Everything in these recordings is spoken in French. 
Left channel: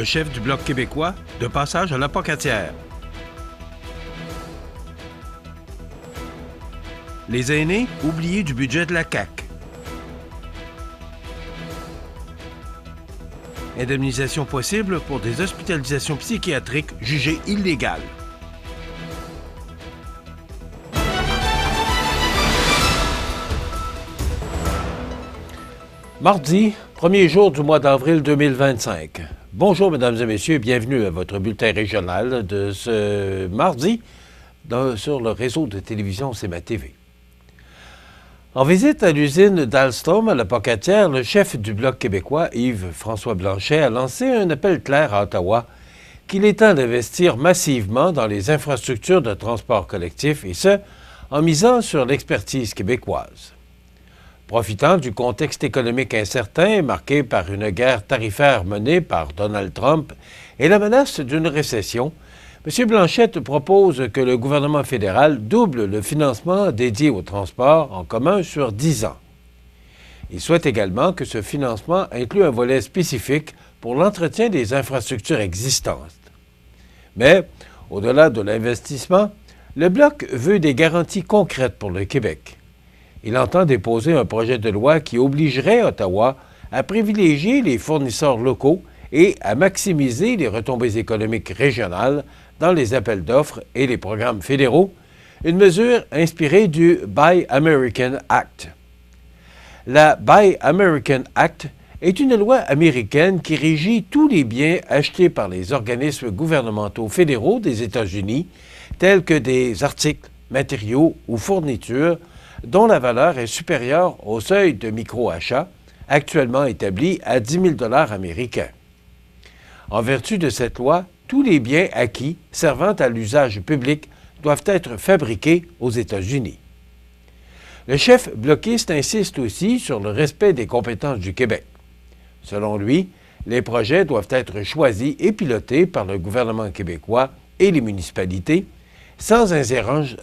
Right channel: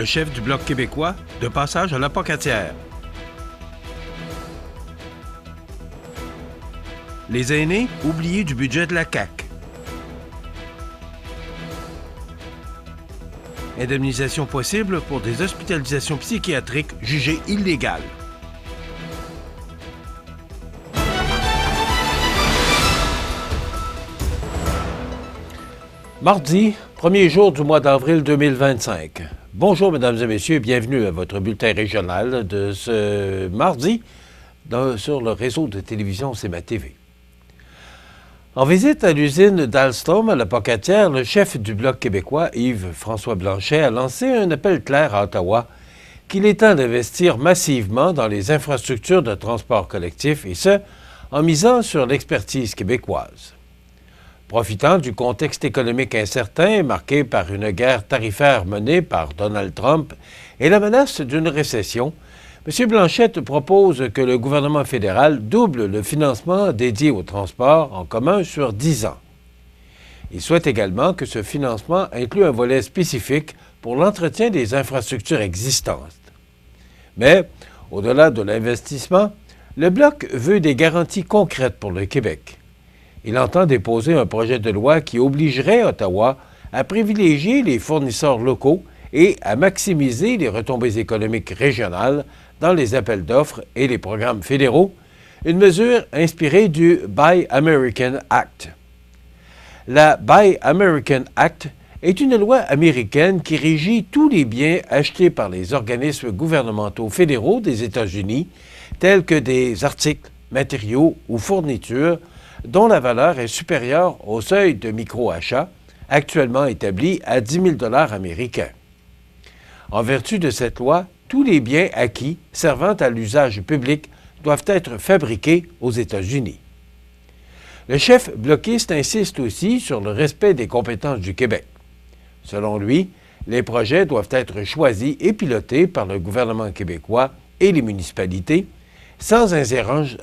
le chef du Bloc québécois, de passage à la Pocatière. Les aînés oubliés du budget de la CAQ. Indemnisation possible pour des hospitalisations psychiatriques jugées illégales. Mardi, premier jour du mois d'avril 2025. Bonjour, mesdames et messieurs, bienvenue à votre bulletin régional de ce mardi sur le réseau de télévision CMA TV. En visite à l'usine d'Alstom à la Pocatière, le chef du Bloc québécois, Yves-François Blanchet, a lancé un appel clair à Ottawa qu'il est temps d'investir massivement dans les infrastructures de transport collectif, et ce, en misant sur l'expertise québécoise. Profitant du contexte économique incertain marqué par une guerre tarifaire menée par Donald Trump et la menace d'une récession, M. Blanchette propose que le gouvernement fédéral double le financement dédié au transport en commun sur 10 ans. Il souhaite également que ce financement inclue un volet spécifique pour l'entretien des infrastructures existantes. Mais, au-delà de l'investissement, le Bloc veut des garanties concrètes pour le Québec. Il entend déposer un projet de loi qui obligerait Ottawa à privilégier les fournisseurs locaux et à maximiser les retombées économiques régionales dans les appels d'offres et les programmes fédéraux, une mesure inspirée du Buy American Act. La Buy American Act est une loi américaine qui régit tous les biens achetés par les organismes gouvernementaux fédéraux des États-Unis, tels que des articles, matériaux ou fournitures dont la valeur est supérieure au seuil de micro-achat, actuellement établi à 10 000 $ américains. En vertu de cette loi, tous les biens acquis servant à l'usage public doivent être fabriqués aux États-Unis. Le chef bloquiste insiste aussi sur le respect des compétences du Québec. Selon lui, les projets doivent être choisis et pilotés par le gouvernement québécois et les municipalités, sans ingérence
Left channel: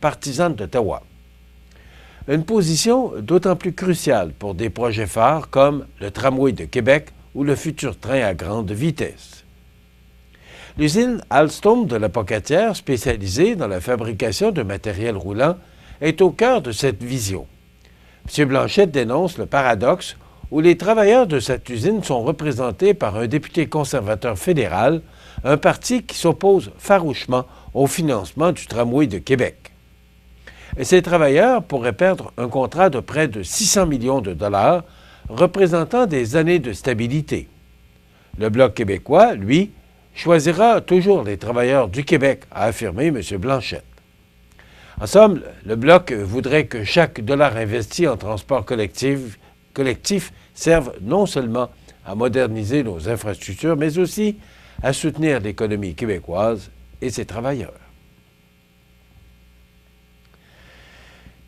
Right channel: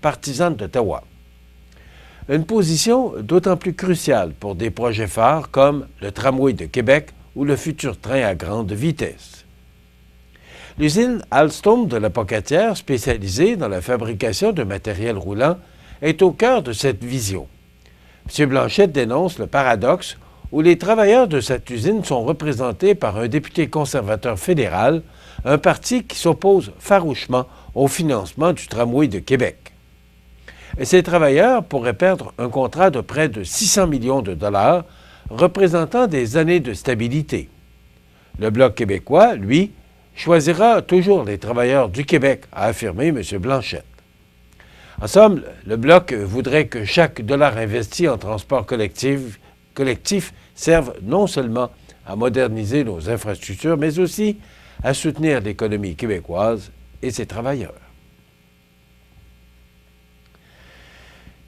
partisane d'Ottawa. Une position d'autant plus cruciale pour des projets phares comme le tramway de Québec ou le futur train à grande vitesse. L'usine Alstom de la Pocatière, spécialisée dans la fabrication de matériel roulant, est au cœur de cette vision. M. Blanchette dénonce le paradoxe où les travailleurs de cette usine sont représentés par un député conservateur fédéral, un parti qui s'oppose farouchement au financement du tramway de Québec. Et ces travailleurs pourraient perdre un contrat de près de 600 millions de dollars, représentant des années de stabilité. Le Bloc québécois, lui, choisira toujours les travailleurs du Québec, a affirmé M. Blanchette. En somme, le Bloc voudrait que chaque dollar investi en transport collectif serve non seulement à moderniser nos infrastructures, mais aussi à soutenir l'économie québécoise et ses travailleurs.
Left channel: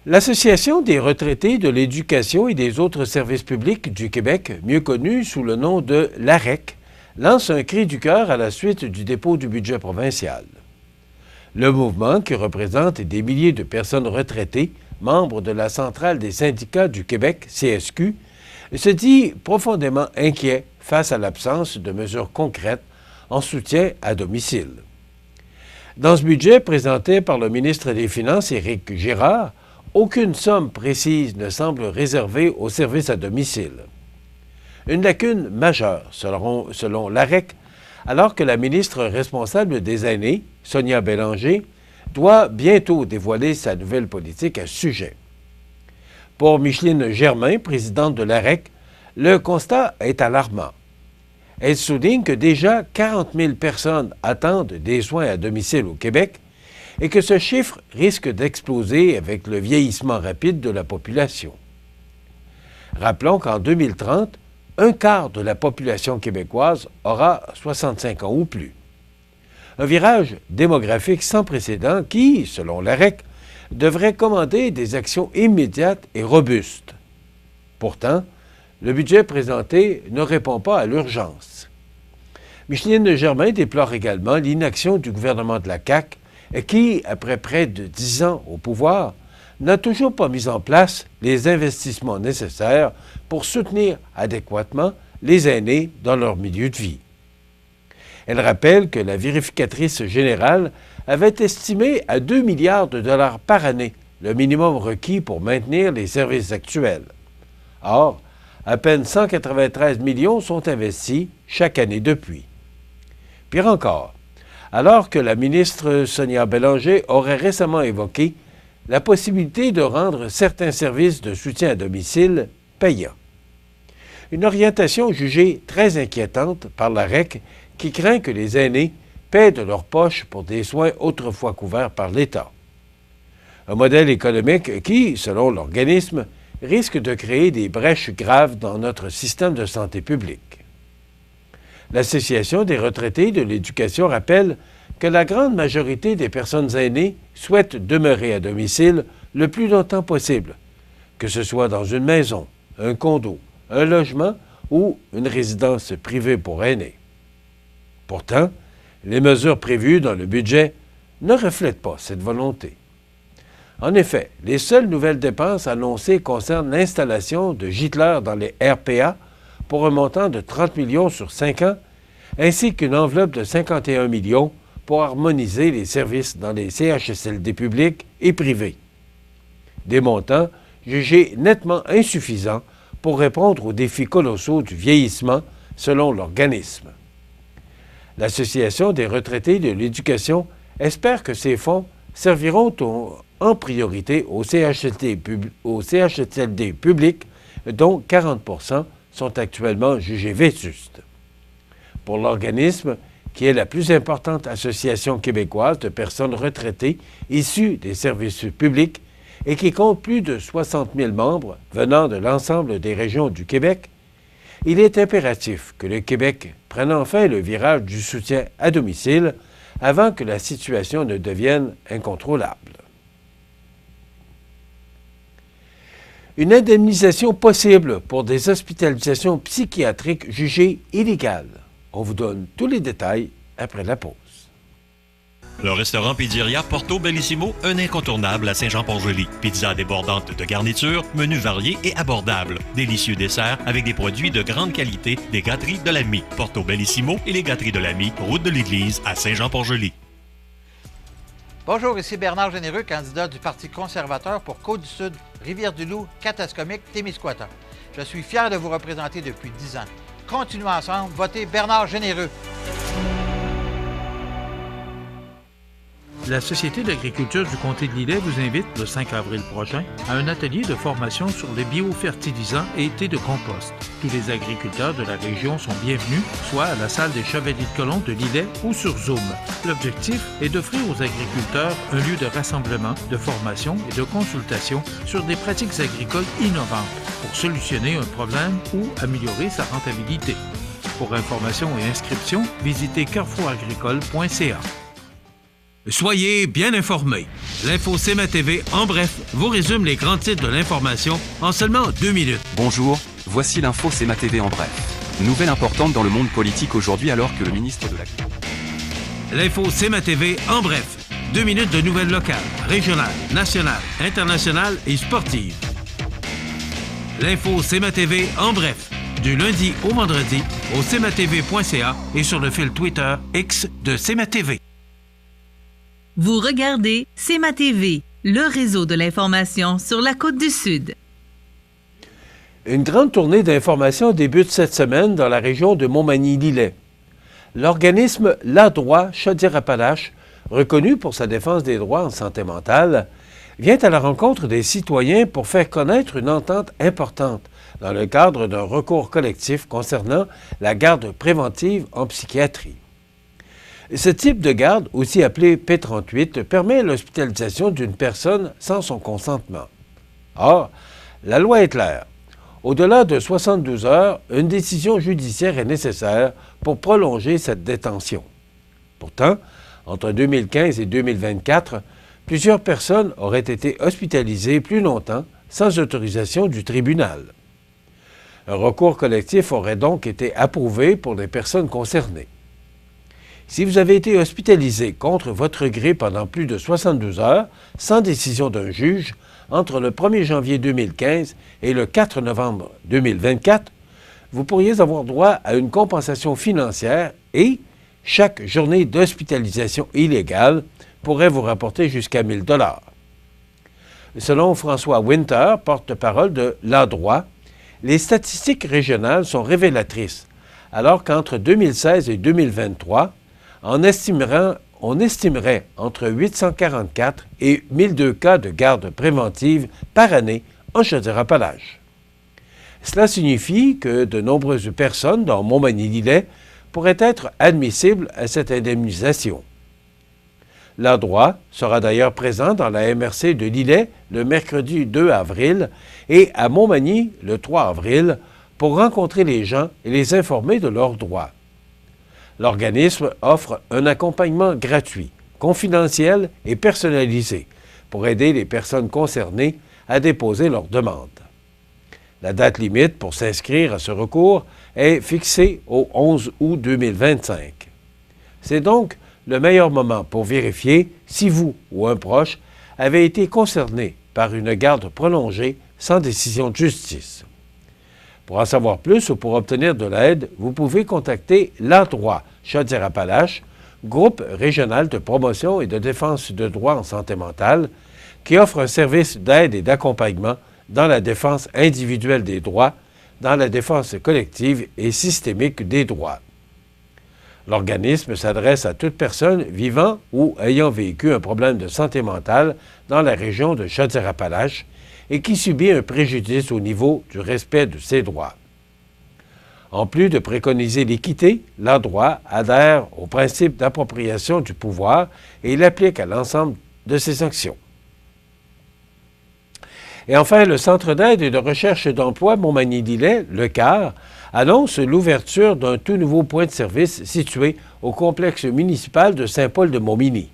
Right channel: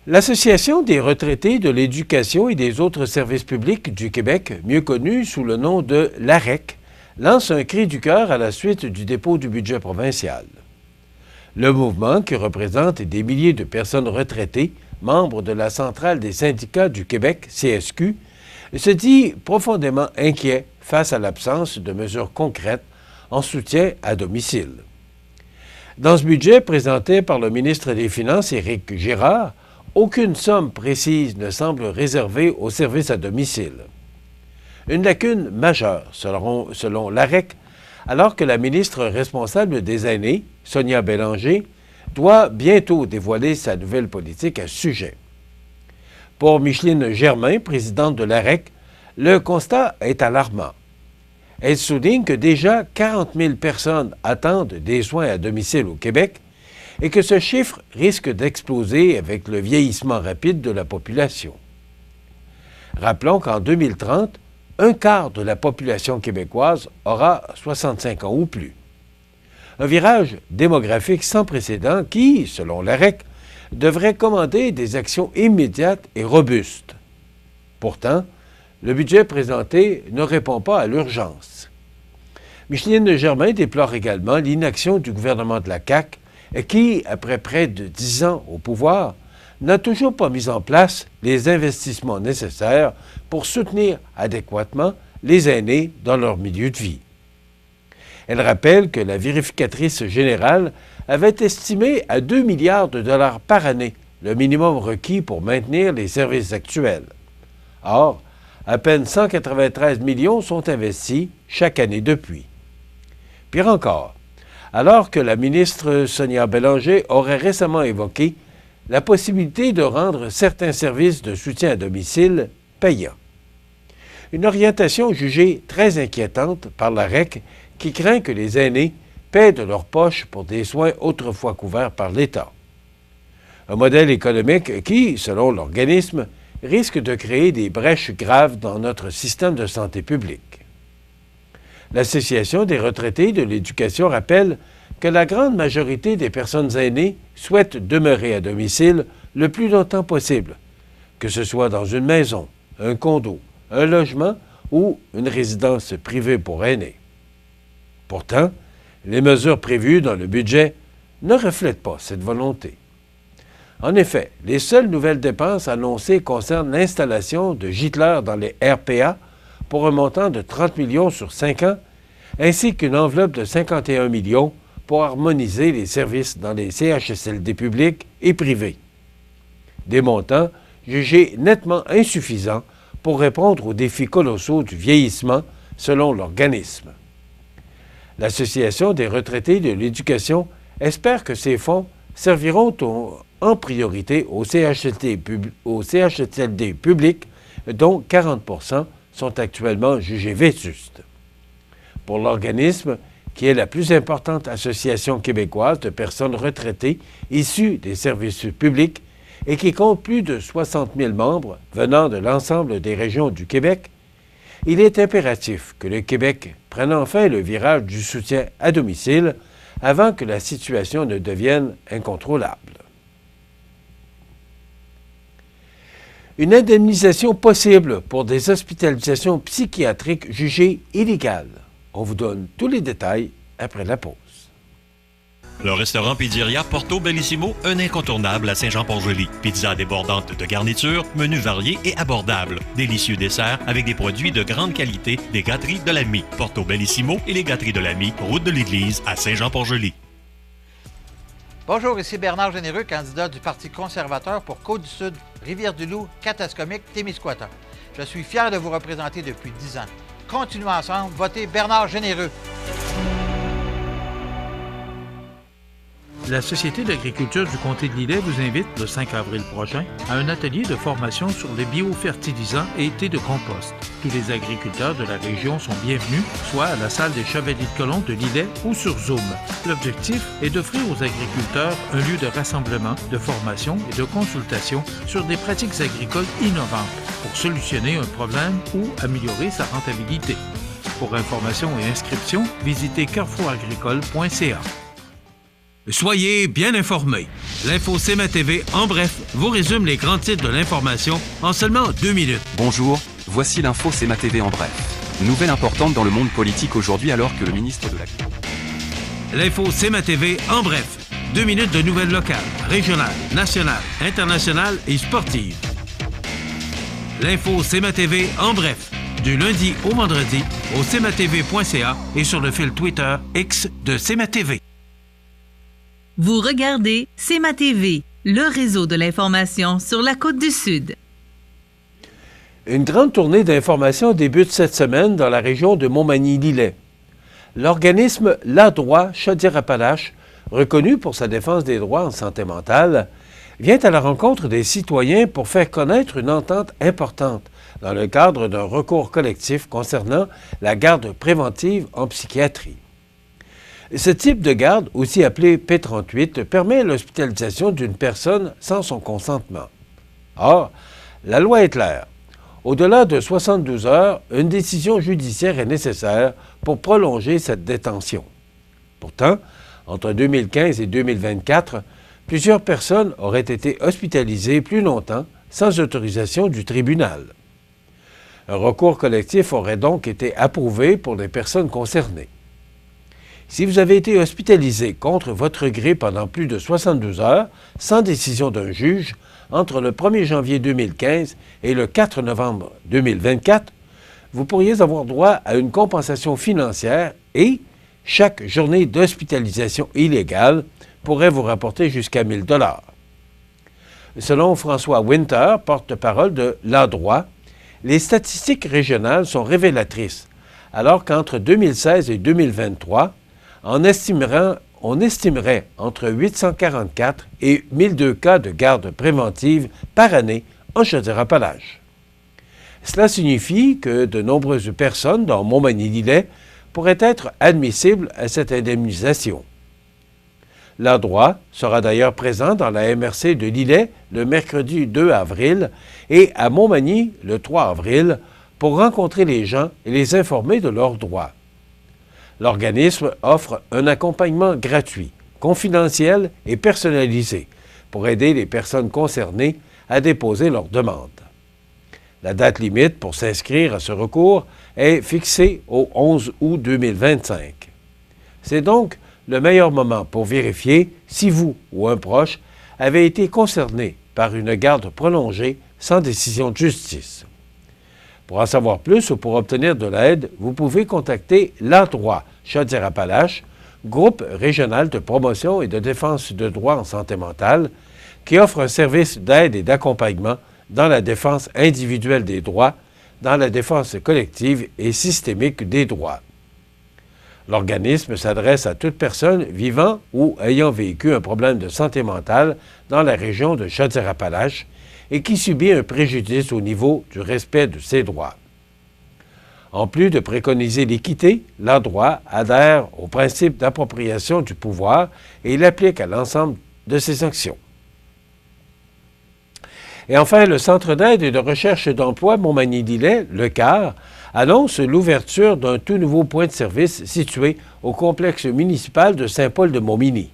L'Association des retraités de l'éducation et des autres services publics du Québec, mieux connue sous le nom de l'AREQ, lance un cri du cœur à la suite du dépôt du budget provincial. Le mouvement, qui représente des milliers de personnes retraitées, membres de la Centrale des syndicats du Québec, CSQ, se dit profondément inquiet face à l'absence de mesures concrètes en soutien à domicile. Dans ce budget présenté par le ministre des Finances, Éric Girard, aucune somme précise ne semble réservée aux services à domicile. Une lacune majeure, selon l'AREQ, alors que la ministre responsable des aînés, Sonia Bélanger, doit bientôt dévoiler sa nouvelle politique à ce sujet. Pour Micheline Germain, présidente de l'AREQ, le constat est alarmant. Elle souligne que déjà 40 000 personnes attendent des soins à domicile au Québec et que ce chiffre risque d'exploser avec le vieillissement rapide de la population. Rappelons qu'en 2030, un quart de la population québécoise aura 65 ans ou plus. Un virage démographique sans précédent qui, selon l'AREQ, devrait commander des actions immédiates et robustes. Pourtant, le budget présenté ne répond pas à l'urgence. Micheline Germain déplore également l'inaction du gouvernement de la CAQ qui, après près de 10 ans au pouvoir, n'a toujours pas mis en place les investissements nécessaires pour soutenir adéquatement les aînés dans leur milieu de vie. Elle rappelle que la vérificatrice générale avait estimé à 2 milliards de dollars par année le minimum requis pour maintenir les services actuels. Or, à peine 193 millions sont investis chaque année depuis. Pire encore, alors que la ministre Sonia Bélanger aurait récemment évoqué la possibilité de rendre certains services de soutien à domicile payants. Une orientation jugée très inquiétante par la REQ qui craint que les aînés paient de leur poche pour des soins autrefois couverts par l'État. Un modèle économique qui, selon l'organisme, risque de créer des brèches graves dans notre système de santé publique. L'Association des retraités de l'éducation rappelle que la grande majorité des personnes aînées souhaitent demeurer à domicile le plus longtemps possible, que ce soit dans une maison, un condo, un logement ou une résidence privée pour aînés. Pourtant, les mesures prévues dans le budget ne reflètent pas cette volonté. En effet, les seules nouvelles dépenses annoncées concernent l'installation de gîteleurs dans les RPA pour un montant de 30 millions sur 5 ans, ainsi qu'une enveloppe de 51 millions pour harmoniser les services dans les CHSLD publics et privés. Des montants jugés nettement insuffisants pour répondre aux défis colossaux du vieillissement, selon l'organisme. L'Association des retraités de l'éducation espère que ces fonds serviront en priorité aux CHSLD publics, dont 40% sont actuellement jugés vétustes. Pour l'organisme, qui est la plus importante association québécoise de personnes retraitées issues des services publics et qui compte plus de 60 000 membres venant de l'ensemble des régions du Québec, il est impératif que le Québec prenne enfin le virage du soutien à domicile avant que la situation ne devienne incontrôlable. Une indemnisation possible pour des hospitalisations psychiatriques jugées illégales. On vous donne tous les détails après la pause. Le restaurant Pizzeria Porto Bellissimo, un incontournable à Saint-Jean-Port-Joli. Pizza débordante de garnitures, menus variés et abordables. Délicieux desserts avec des produits de grande qualité des gâteries de l'Ami. Porto Bellissimo et les gâteries de l'Ami, route de l'Église à Saint-Jean-Port-Joli. Bonjour, ici Bernard Généreux, candidat du Parti conservateur pour Côte-du-Sud, Rivière-du-Loup, Katascomique, Témiscouata. Je suis fier de vous représenter depuis 10 ans. Continuons ensemble, votez Bernard Généreux. La Société d'agriculture du comté de Lillet vous invite, le 5 avril prochain, à un atelier de formation sur les biofertilisants et thé de compost. Tous les agriculteurs de la région sont bienvenus, soit à la salle des Chevaliers de Colomb de Lillet ou sur Zoom. L'objectif est d'offrir aux agriculteurs un lieu de rassemblement, de formation et de consultation sur des pratiques agricoles innovantes pour solutionner un problème ou améliorer sa rentabilité. Pour information et inscription, visitez carrefouragricole.ca. Soyez bien informés. L'Info CMA TV, en bref, vous résume les grands titres de l'information en seulement 2 minutes. Bonjour, voici l'Info CMA TV en bref. Nouvelle importante dans le monde politique aujourd'hui alors que le ministre de la... L'Info CMA TV, en bref. 2 minutes de nouvelles locales, régionales, nationales, internationales et sportives. L'Info CMA TV, en bref. Du lundi au vendredi, au cmatv.ca et sur le fil Twitter X de CMA TV. Vous regardez CMA TV, le réseau de l'information sur la Côte-du-Sud. Une grande tournée d'information débute cette semaine dans la région de Montmagny-Lillet. L'organisme La Droit Chaudière-Appalaches, reconnu pour sa défense des droits en santé mentale, vient à la rencontre des citoyens pour faire connaître une entente importante dans le cadre d'un recours collectif concernant la garde préventive en psychiatrie. Ce type de garde, aussi appelé P38, permet l'hospitalisation d'une personne sans son consentement. Or, la loi est claire. Au-delà de 72 heures, une décision judiciaire est nécessaire pour prolonger cette détention. Pourtant, entre 2015 et 2024, plusieurs personnes auraient été hospitalisées plus longtemps sans autorisation du tribunal. Un recours collectif aurait donc été approuvé pour les personnes concernées. Si vous avez été hospitalisé contre votre gré pendant plus de 72 heures, sans décision d'un juge, entre le 1er janvier 2015 et le 4 novembre 2024, vous pourriez avoir droit à une compensation financière et chaque journée d'hospitalisation illégale pourrait vous rapporter jusqu'à 1 000 $. Selon François Winter, porte-parole de l'Endroit, les statistiques régionales sont révélatrices, alors qu'entre 2016 et 2023, on estimerait entre 844 et 1002 cas de garde préventive par année en Chaudière-Appalaches. Cela signifie que de nombreuses personnes dans Montmagny-Lillet pourraient être admissibles à cette indemnisation. L'Endroit sera d'ailleurs présent dans la MRC de Lillet le mercredi 2 avril et à Montmagny le 3 avril pour rencontrer les gens et les informer de leurs droits. L'organisme offre un accompagnement gratuit, confidentiel et personnalisé pour aider les personnes concernées à déposer leurs demandes. La date limite pour s'inscrire à ce recours est fixée au 11 août 2025. C'est donc le meilleur moment pour vérifier si vous ou un proche avez été concerné par une garde prolongée sans décision de justice. Pour en savoir plus ou pour obtenir de l'aide, vous pouvez contacter l'Endroit Chaudière-Appalaches, groupe régional de promotion et de défense de droits en santé mentale, qui offre un service d'aide et d'accompagnement dans la défense individuelle des droits, dans la défense collective et systémique des droits. L'organisme s'adresse à toute personne vivant ou ayant vécu un problème de santé mentale dans la région de Chaudière-Appalaches et qui subit un préjudice au niveau du respect de ses droits. En plus de préconiser l'équité, l'Endroit adhère au principe d'appropriation du pouvoir et l'applique à l'ensemble de ses actions. Et enfin, le Centre d'aide et de recherche d'emploi Montmagny-Lillet, le CAR, annonce l'ouverture d'un tout nouveau point de service situé au complexe municipal de Saint-Paul-de-Montmagny.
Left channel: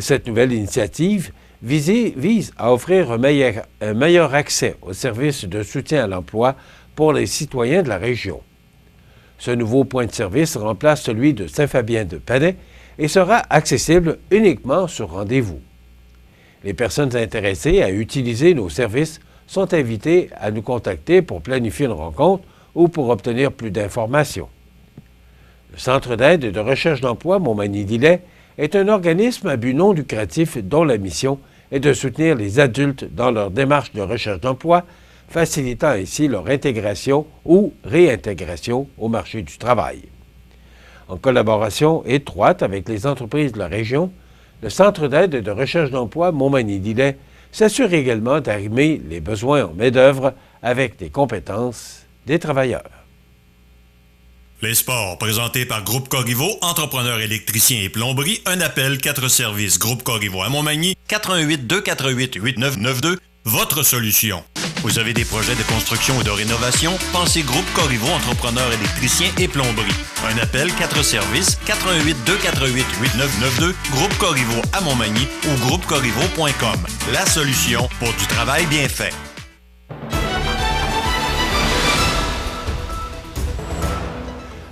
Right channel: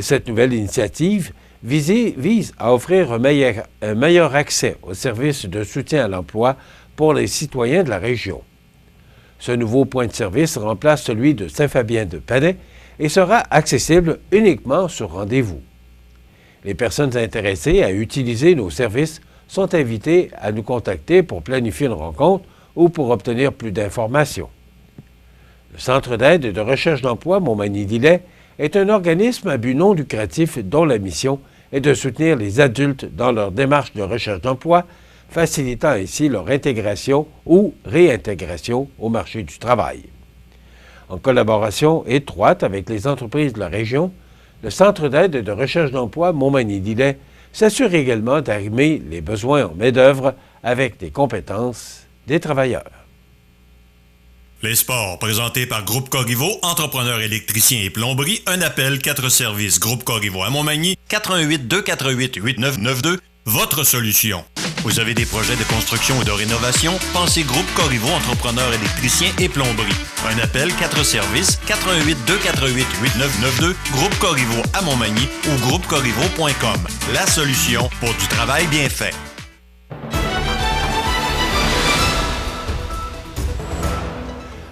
Cette nouvelle initiative vise à offrir un meilleur accès aux services de soutien à l'emploi pour les citoyens de la région. Ce nouveau point de service remplace celui de Saint-Fabien-de-Palais et sera accessible uniquement sur rendez-vous. Les personnes intéressées à utiliser nos services sont invitées à nous contacter pour planifier une rencontre ou pour obtenir plus d'informations. Le Centre d'aide et de recherche d'emploi Montmagny-Lillet est un organisme à but non lucratif dont la mission est de soutenir les adultes dans leur démarche de recherche d'emploi, facilitant ainsi leur intégration ou réintégration au marché du travail. En collaboration étroite avec les entreprises de la région, le Centre d'aide et de recherche d'emploi Montmagny-Lillet s'assure également d'arrimer les besoins en main-d'œuvre avec des compétences des travailleurs. Les sports, présentés par Groupe Corriveau, entrepreneur électricien et plomberie, un appel 4 services Groupe Corriveau à Montmagny, 88 248 8992, votre solution. Vous avez des projets de construction ou de rénovation? Pensez Groupe Corriveau, entrepreneur électricien et plomberie. Un appel 4 services, 88 248 8992, Groupe Corriveau à Montmagny ou groupecorriveau.com. La solution pour du travail bien fait.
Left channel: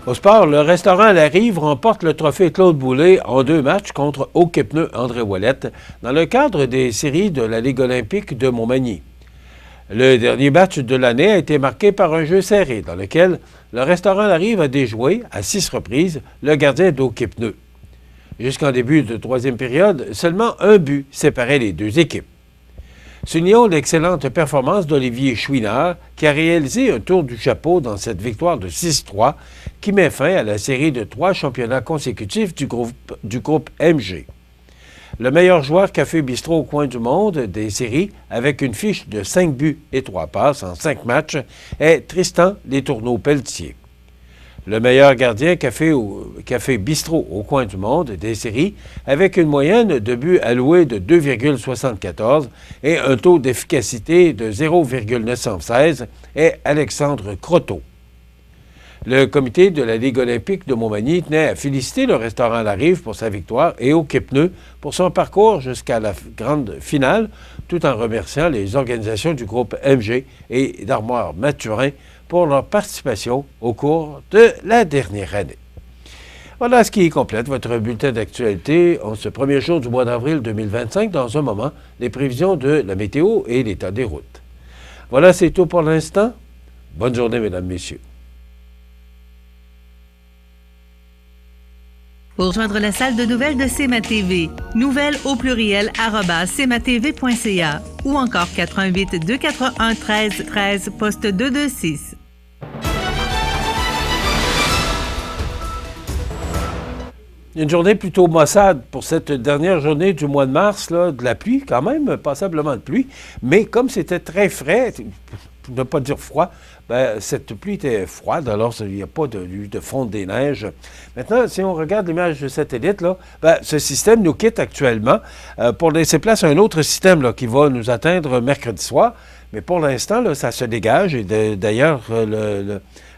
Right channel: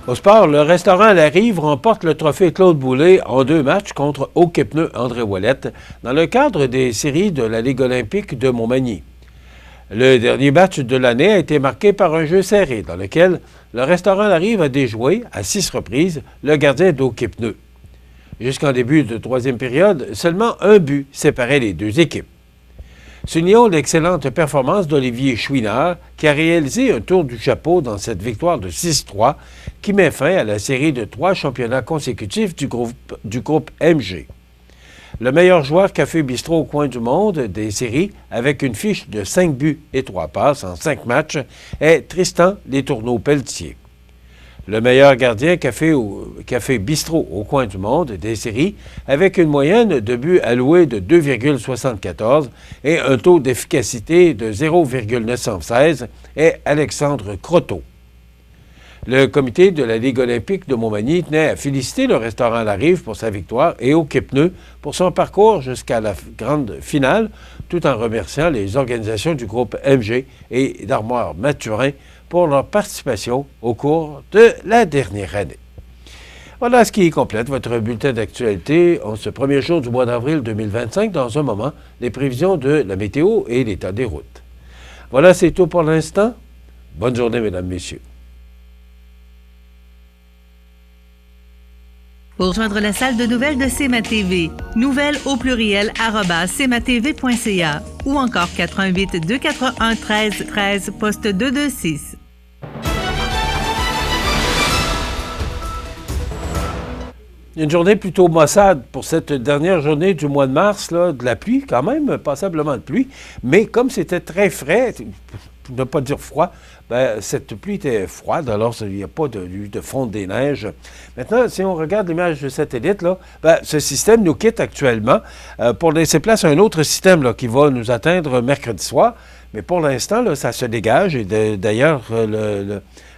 Au sport, le restaurant La Rive remporte le trophée Claude Boulay en 2 matchs contre Hockey-Pneus André Ouellette dans le cadre des séries de la Ligue olympique de Montmagny. Le dernier match de l'année a été marqué par un jeu serré dans lequel le restaurant La Rive a déjoué à 6 reprises le gardien d'Hockey-Pneus. Jusqu'en début de 3e période, seulement un but séparait les deux équipes. Soulignons l'excellente performance d'Olivier Chouinard, qui a réalisé un tour du chapeau dans cette victoire de 6-3, qui met fin à la série de 3 championnats consécutifs du groupe MG. Le meilleur joueur Café Bistrot au coin du monde des séries, avec une fiche de 5 buts et 3 passes en 5 matchs, est Tristan Letourneau-Pelletier. Le meilleur gardien Café Bistrot au coin du monde des séries, avec une moyenne de buts alloués de 2,74 et un taux d'efficacité de 0,916, est Alexandre Croteau. Le comité de la Ligue olympique de Montmagny tenait à féliciter le restaurant La Rive pour sa victoire et Hockey-Pneus pour son parcours jusqu'à la grande finale, tout en remerciant les organisations du groupe MG et d'Armoire Mathurin pour leur participation au cours de la dernière année. Voilà ce qui complète votre bulletin d'actualité en ce premier jour du mois d'avril 2025. Dans un moment, les prévisions de la météo et l'état des routes. Voilà, c'est tout pour l'instant. Bonne journée, mesdames, messieurs. Pour joindre la salle de nouvelles de CMA-TV, nouvelles au pluriel @cmatv.ca ou encore 88 241 13 13 poste 226. Une journée plutôt maussade pour cette dernière journée du mois de mars, là, de la pluie quand même, passablement de pluie, mais comme c'était très frais, pour ne pas dire froid, ben, cette pluie était froide, alors il n'y a pas de fonte des neiges. Maintenant, si on regarde l'image de satellite, là, ben, ce système nous quitte actuellement pour laisser place à un autre système là, qui va nous atteindre mercredi soir, mais pour l'instant, là, ça se dégage, et d'ailleurs,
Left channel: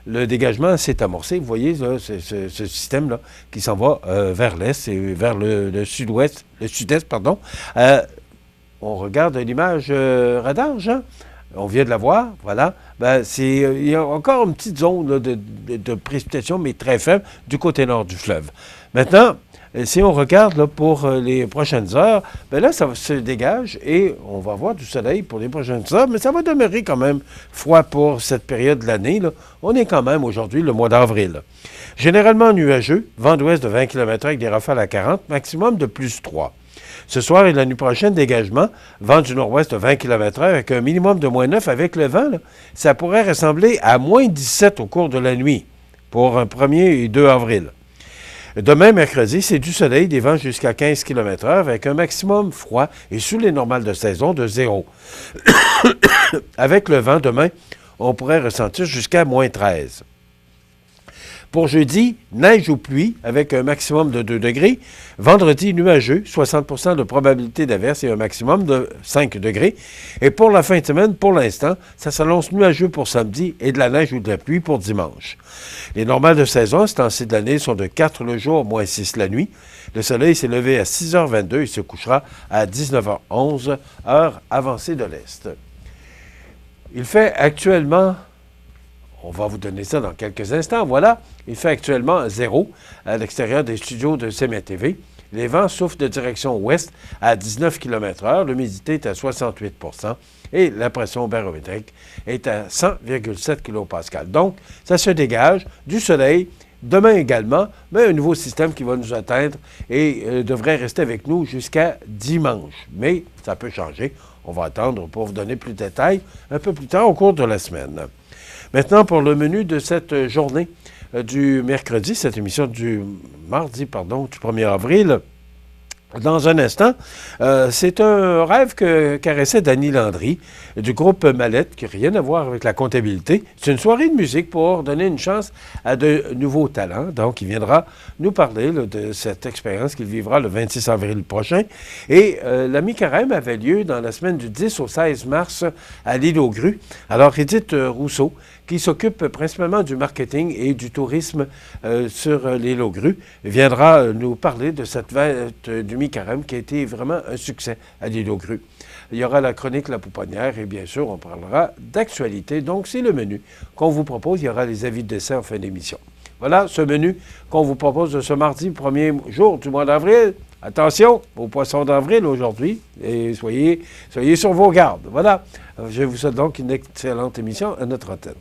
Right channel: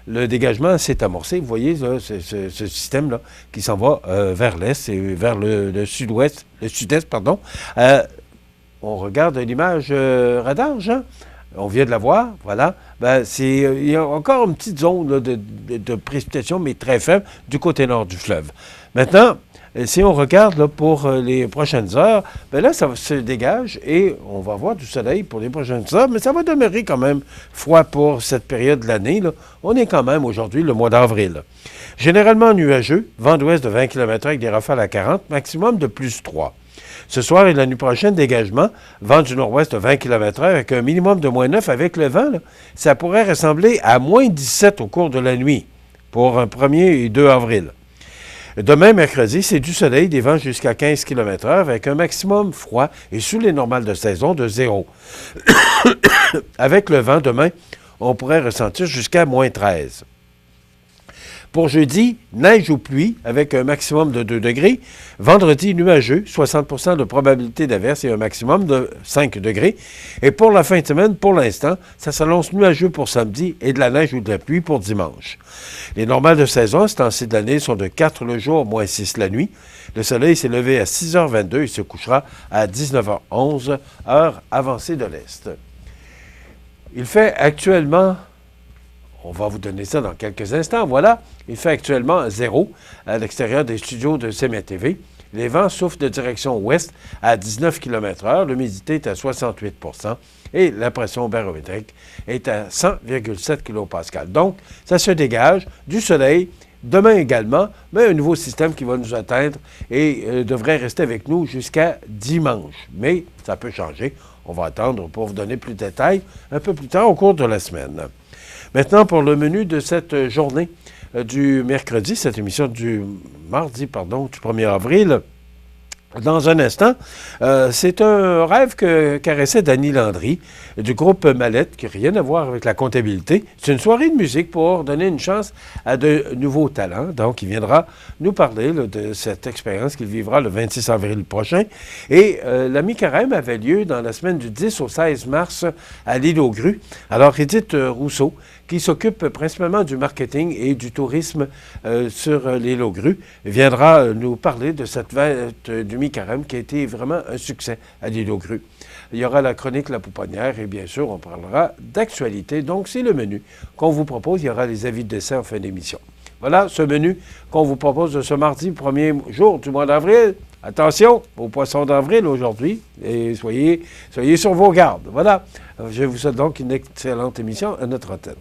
le dégagement s'est amorcé. Vous voyez là, ce système-là qui s'en va vers l'est et vers le sud-ouest, le sud-est, pardon. On regarde l'image radar, Jean. On vient de la voir, voilà. Ben, il y a encore une petite zone là, de précipitation, mais très faible, du côté nord du fleuve. Maintenant, si on regarde là, pour les prochaines heures, ben là, ça se dégage et on va avoir du soleil pour les prochaines heures, mais ça va demeurer quand même froid pour cette période de l'année. Là. On est quand même aujourd'hui le mois d'avril. Généralement nuageux, vent d'ouest de 20 km avec des rafales à 40, maximum de plus 3. Ce soir et la nuit prochaine, dégagement, vent du nord-ouest de 20 km/h avec un minimum de moins 9 avec le vent. Là, ça pourrait ressembler à moins 17 au cours de la nuit pour un 1er et 2 avril. Demain, mercredi, c'est du soleil, des vents jusqu'à 15 km/h avec un maximum froid et sous les normales de saison de 0. Avec le vent, demain, on pourrait ressentir jusqu'à moins 13. Pour jeudi, neige ou pluie avec un maximum de 2 degrés. Vendredi, nuageux, 60 de probabilité d'averse et un maximum de 5 degrés. Et pour la fin de semaine, pour l'instant, ça s'annonce nuageux pour samedi et de la neige ou de la pluie pour dimanche. Les normales de saison à ce temps-ci de l'année sont de 4 le jour, moins 6 la nuit. Le soleil s'est levé à 6h22 et se couchera à 19h11, heure avancée de l'Est. Il fait actuellement... On va vous donner ça dans quelques instants. Voilà, il fait actuellement 0 à l'extérieur des studios de CMA-TV. Les vents soufflent de direction ouest à 19 km/h. L'humidité est à 68 % et la pression barométrique est à 100,7 kPa. Donc, ça se dégage du soleil. Demain également, mais un nouveau système qui va nous atteindre et devrait rester avec nous jusqu'à dimanche. Mais ça peut changer. On va attendre pour vous donner plus de détails un peu plus tard au cours de la semaine. Maintenant, pour le menu de cette journée du mercredi, cette émission du mardi, du 1er avril, dans un instant, c'est un rêve que caressait Danny Landry du groupe Mallette, qui n'a rien à voir avec la comptabilité. C'est une soirée de musique pour donner une chance à de nouveaux talents. Donc, il viendra nous parler là, de cette expérience qu'il vivra le 26 avril prochain. Et la mi-carême avait lieu dans la semaine du 10 au 16 mars à l'île aux Grues. Alors, Edith Rousseau, qui s'occupe principalement du marketing et du tourisme sur l'île aux Grues, viendra nous parler de cette fête du mi-carême qui a été vraiment un succès à l'île aux Grues. Il y aura la chronique La Pouponnière et bien sûr, on parlera d'actualité. Donc, c'est le menu qu'on vous propose. Il y aura les avis de décès en fin d'émission. Voilà ce menu qu'on vous propose de ce mardi, premier jour du mois d'avril. Attention aux poissons d'avril aujourd'hui et soyez sur vos gardes. Voilà. Je vous souhaite donc une excellente émission à notre antenne.